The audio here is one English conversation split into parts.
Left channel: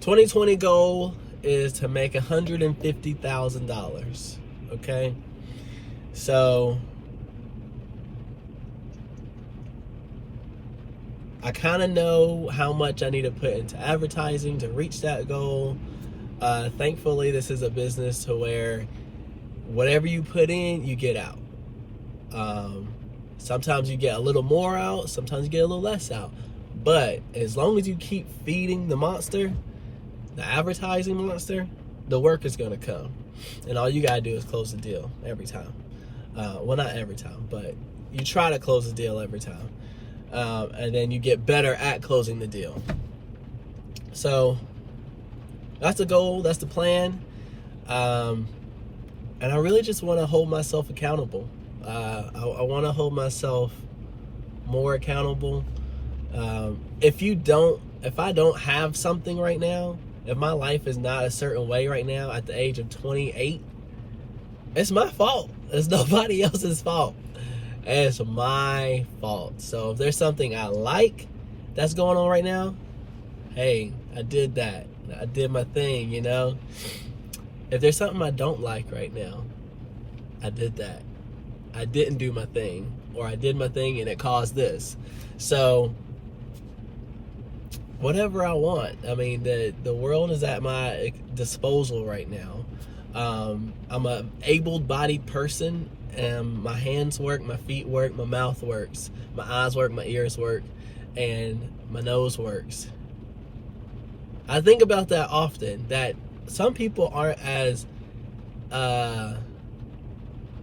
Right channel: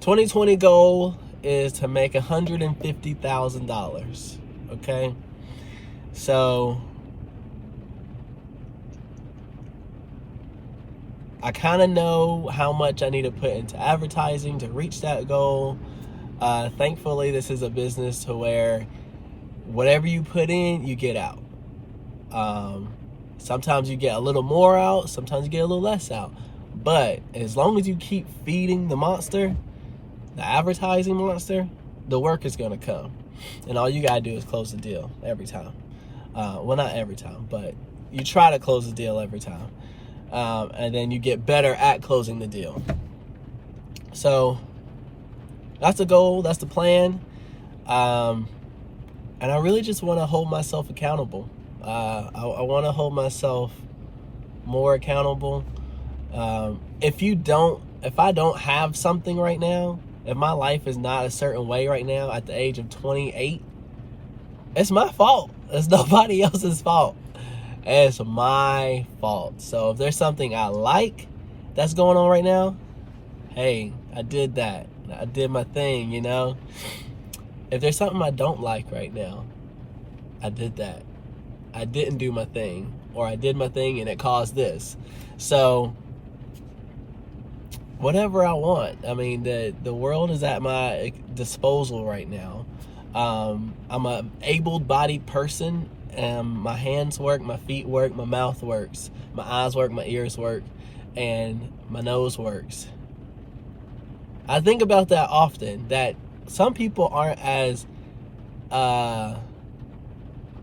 2020 goal is to make $150,000. Okay, so I kind of know how much I need to put into advertising to reach that goal. Thankfully, this is a business to where whatever you put in, you get out. Sometimes you get a little more out, sometimes you get a little less out. But as long as you keep feeding the monster, the advertising monster, the work is going to come. And all you got to do is close the deal every time. Well, not every time, but you try to close the deal every time. And then you get better at closing the deal. So that's the goal, that's the plan. And I really just want to hold myself accountable. I want to hold myself more accountable. If I don't have something right now, if my life is not a certain way right now at the age of 28, it's my fault. It's nobody else's fault. It's my fault. So if there's something I like that's going on right now, hey, I did that. I did my thing, you know. If there's something I don't like right now, I did that. I didn't do my thing, or I did my thing and it caused this. So whatever I want. I mean, the world is at my disposal right now. I'm a able-bodied person, and my hands work, my feet work, my mouth works, my eyes work, my ears work, and my nose works. I think about that often, that some people aren't as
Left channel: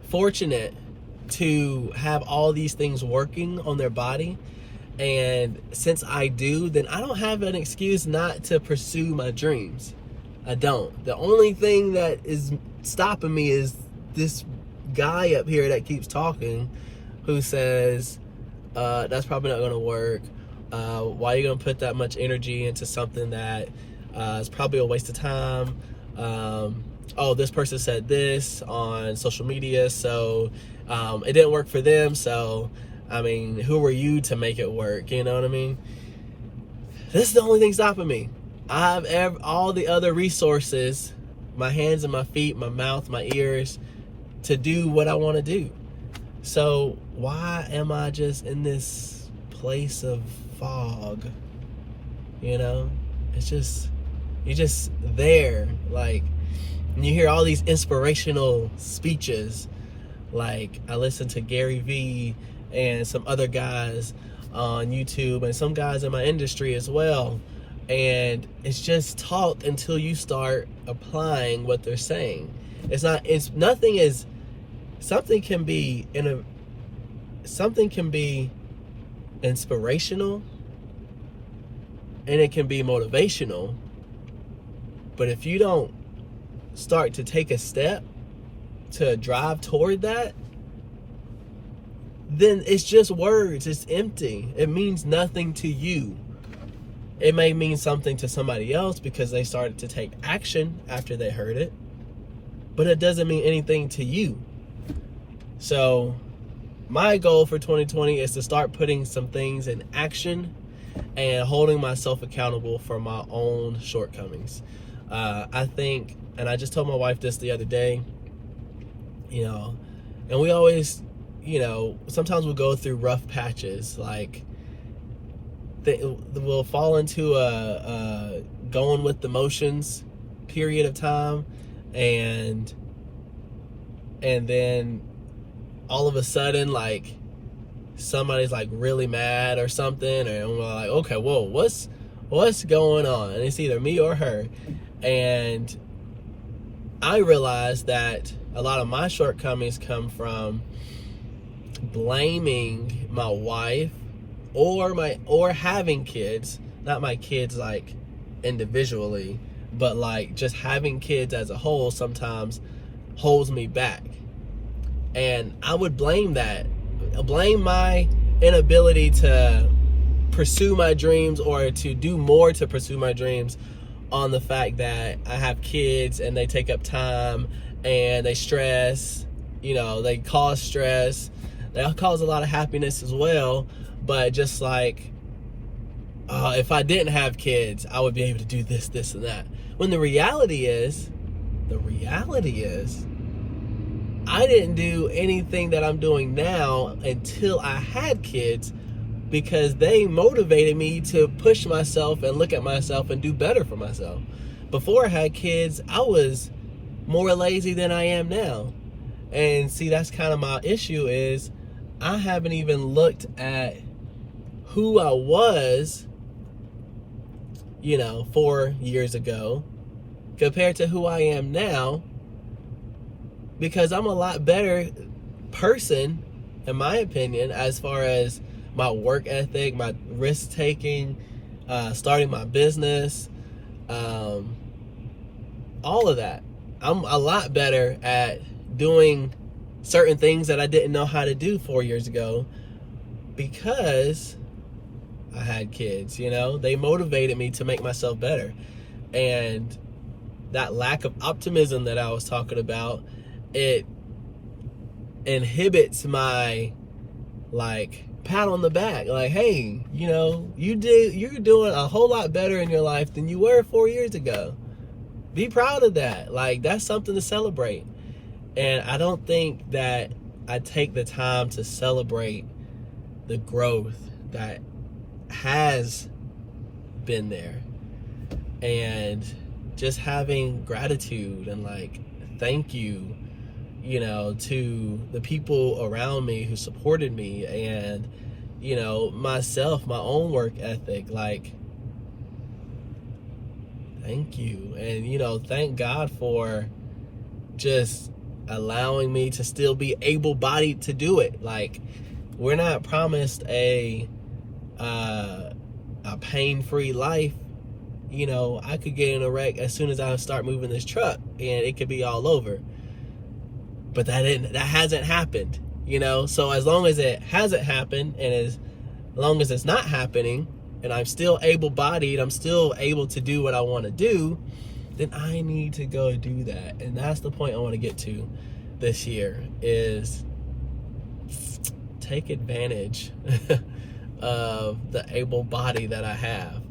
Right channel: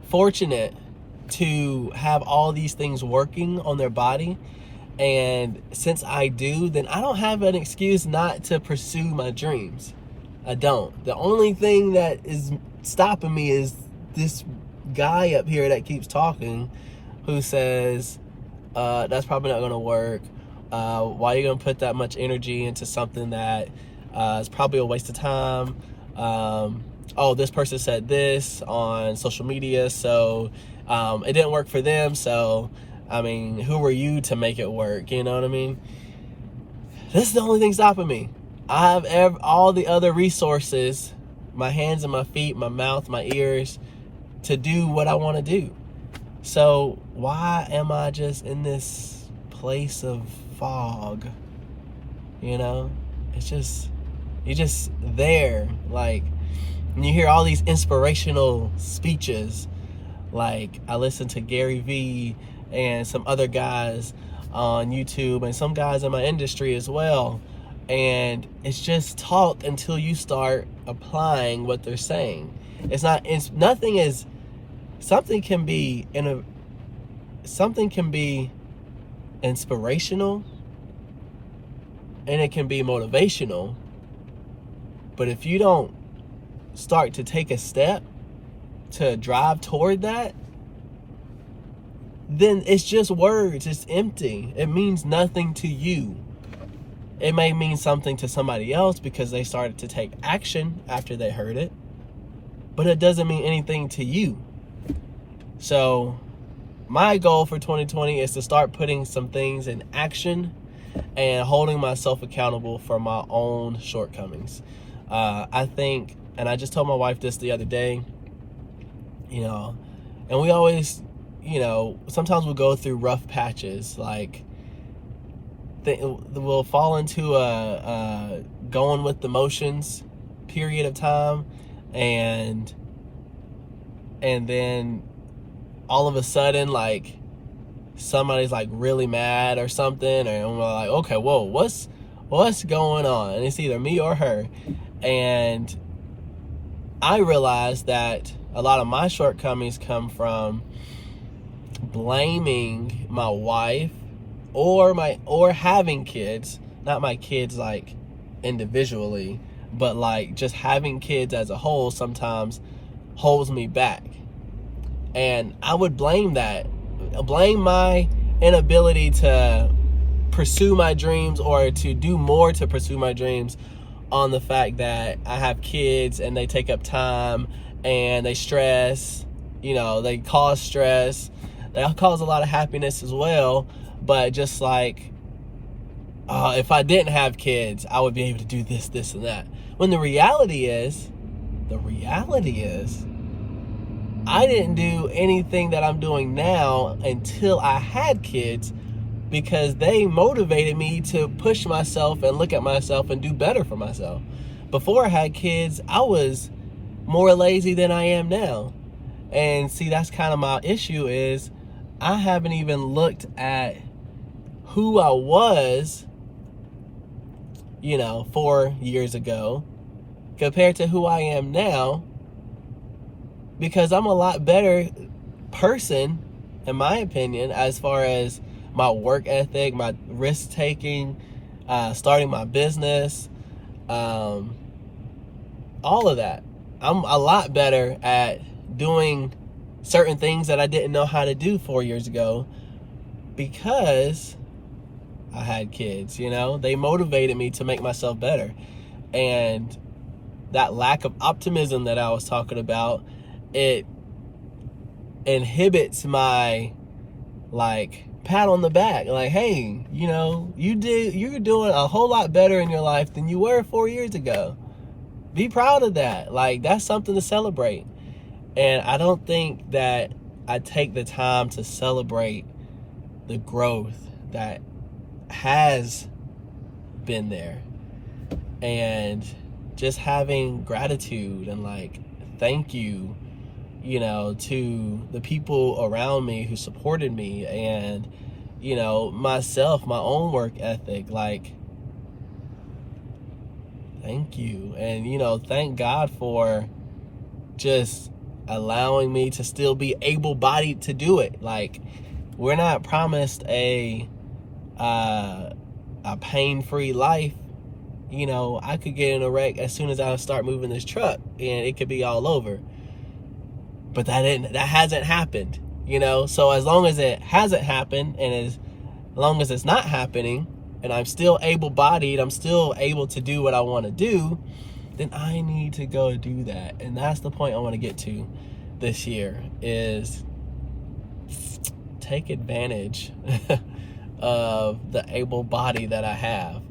fortunate to have all these things working on their body. And since I do, then I don't have an excuse not to pursue my dreams. I don't. The only thing that is stopping me is this guy up here that keeps talking, who says, that's probably not going to work. Why are you going to put that much energy into something that is probably a waste of time? Oh, this person said this on social media, so it didn't work for them, so I mean, who were you to make it work? You know what I mean? This is the only thing stopping me. I have all the other resources, my hands and my feet, my mouth, my ears, to do what I want to do. So why am I just in this place of fog? You know? It's just, you're just there. Like, and you hear all these inspirational speeches. Like, I listen to Gary Vee and some other guys on YouTube and some guys in my industry as well, and it's just talk until you start applying what they're saying. Something can be inspirational and it can be motivational, but if you don't start to take a step to drive toward that, then it's just words. It's empty. It means nothing to you. It may mean something to somebody else because they started to take action after they heard it, but it doesn't mean anything to you. So my goal for 2020 is to start putting some things in action and holding myself accountable for my own shortcomings. I think, and I just told my wife this the other day, you know, and we always, you know, sometimes we'll go through rough patches, like we'll fall into a going with the motions period of time, and then all of a sudden, like, somebody's like really mad or something, and we're like, okay, whoa, what's going on? And it's either me or her. And I realized that a lot of my shortcomings come from blaming my wife or having kids, not my kids like individually, but like just having kids as a whole sometimes holds me back. And I would blame my inability to pursue my dreams or to do more to pursue my dreams on the fact that I have kids and they take up time and they stress, you know, they cause stress. They cause a lot of happiness as well, but just like if I didn't have kids, I would be able to do this, this, and that. When the reality is, I didn't do anything that I'm doing now until I had kids, because they motivated me to push myself and look at myself and do better for myself. Before I had kids, I was more lazy than I am now. And see, that's kind of my issue, is I haven't even looked at who I was, 4 years ago compared to who I am now, because I'm a lot better person, in my opinion, as far as my work ethic, my risk taking, starting my business, all of that. I'm a lot better at doing certain things that I didn't know how to do 4 years ago, because I had kids. They motivated me to make myself better. And that lack of optimism that I was talking about, it inhibits my pat on the back, hey, you're doing a whole lot better in your life than you were 4 years ago. Be proud of that. That's something to celebrate. And I don't think that I take the time to celebrate the growth that has been there, and just having gratitude and thank you, to the people around me who supported me, and myself, my own work ethic, thank you. And thank God for just allowing me to still be able-bodied to do it. We're not promised a pain-free life. I could get in a wreck as soon as I start moving this truck, and it could be all over. But that hasn't happened. So as long as it hasn't happened, and as long as it's not happening, and I'm still able-bodied, I'm still able to do what I want to do, then I need to go do that. And that's the point I want to get to this year, is take advantage of the able body that I have.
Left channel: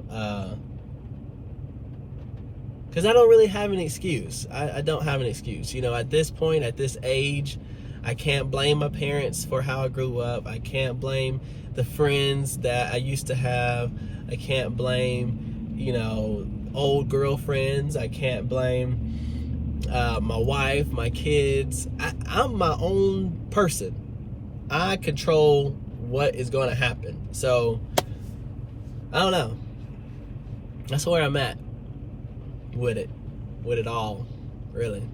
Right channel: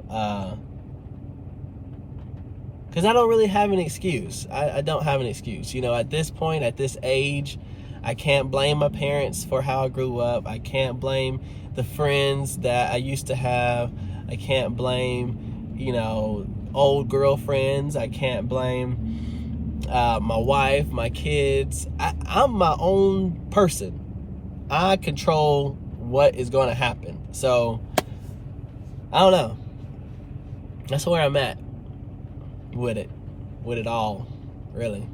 Because I don't really have an excuse. I don't have an excuse. At this point, at this age, I can't blame my parents for how I grew up. I can't blame the friends that I used to have. I can't blame, old girlfriends. I can't blame my wife, my kids. I'm my own person. I control what is going to happen. So, I don't know. That's where I'm at with it all, really.